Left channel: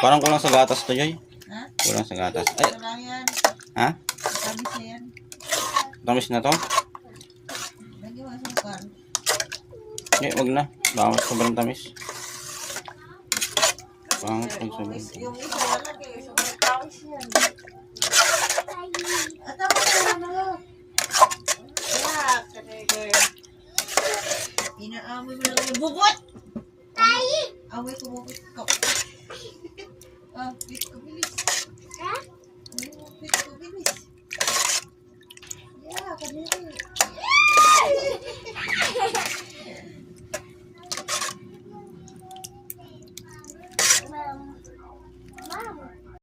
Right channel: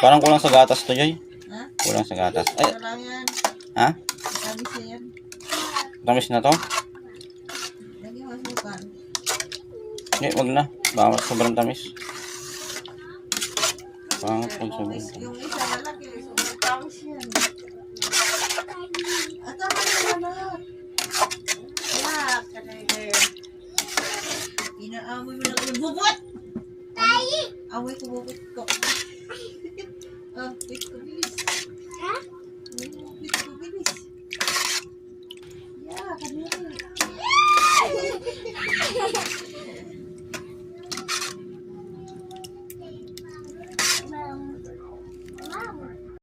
Parang kulang sa gatas to, Joy. Ha? Kulang sa gatas. Ay, Parang yan. ha? Tamis na yan. Tamis na to? Lagyan mo ang sukal. Hindi, wag na. Baka sobrang tamis. Pangit pag sobrang tamis. Yung isa malaki, sobrang tamis yan. At tama na yan. Wala, kanay. Inaamoy mo lang yung bubot. Amoy ko bubot ko.